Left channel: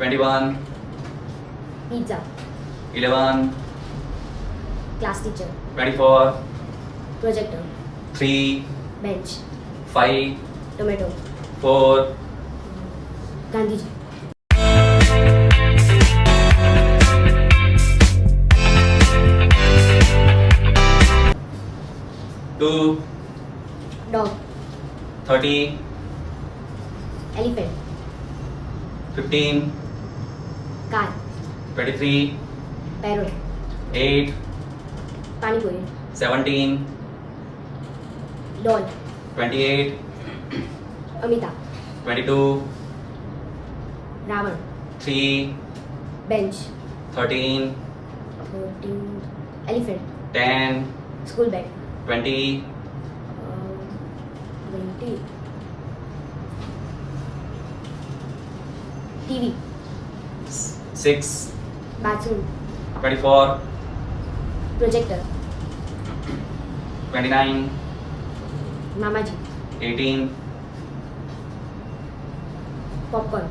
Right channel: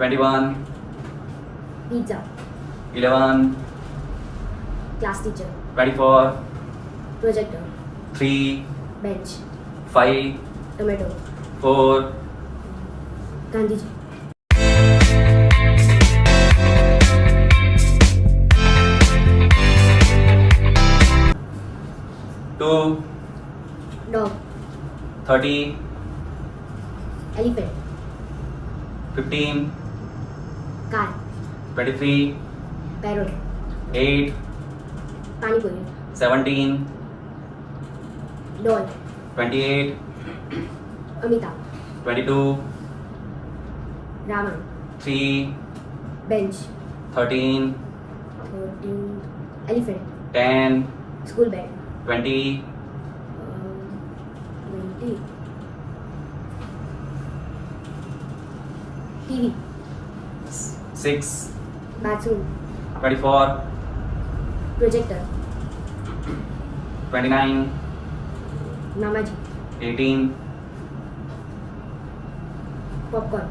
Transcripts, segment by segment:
21, pizza, 11, class teacher, 24, projector, 3, bench, 5, tomato, 4, Gandhiji, 2, dog, 30, elephant, 15, car, 23, parrot, 8, pani puri, 17, doll, 28, Amitabh, 22, Ravan, 3, bench, 13, 14, elephant, 10, school bag, 20, 20, TV, 6, bathroom, 24, projector, 29, Mamaji, 18, popcorn,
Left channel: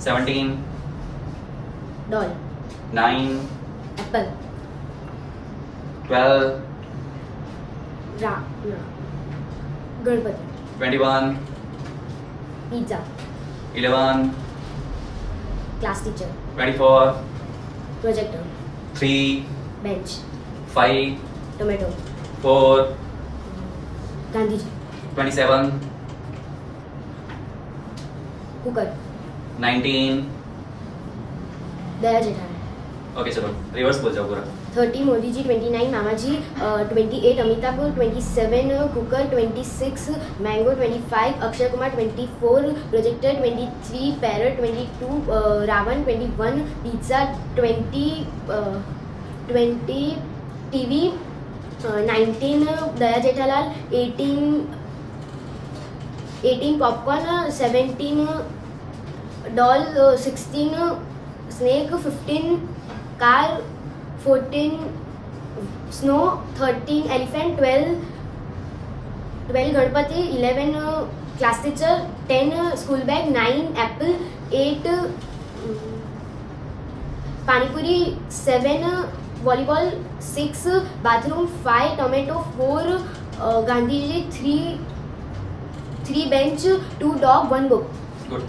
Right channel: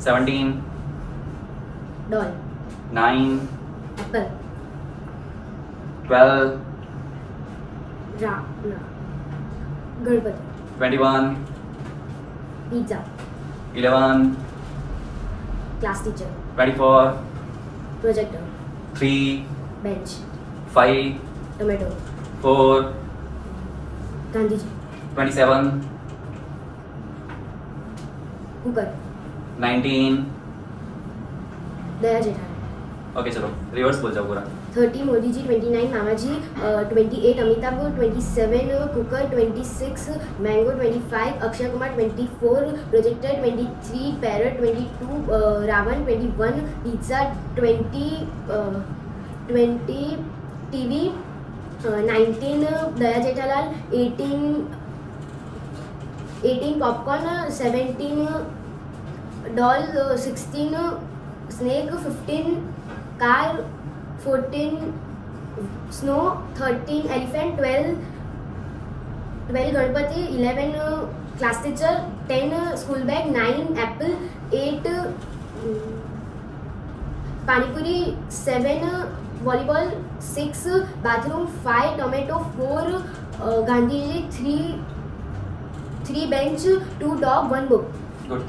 17, doll, 9, apple, 12, Ganpati, 21, pizza, 11, class teacher, 24, projector, 3, bench, 5, tomato, 4, Gandhiji, 27, cooker, 19. Daya Jethalal, okay चलो reverse बोल जाओ पूरा. 30 मोदी जी, 29 मामाजी, 28 Amitabh, 27 cooker, 26 mango, 25 Akshay Kumar, 24 projector, 23 parrot, 22 Ravan, 21 pizza, 20 TV, 19 Daya Jethalal, 18 popcorn, 17 doll, 16 snake, 15 car, 14 snow, 13 elephant, 12 Ganpati, 11 class teacher, 10 school bag, 9 apple, 8 panipuri, 7 volleyball, 6 bathroom, 5 tomato, 4 Gandhi ji, 3 bench, 2 dog, 1 book. Good.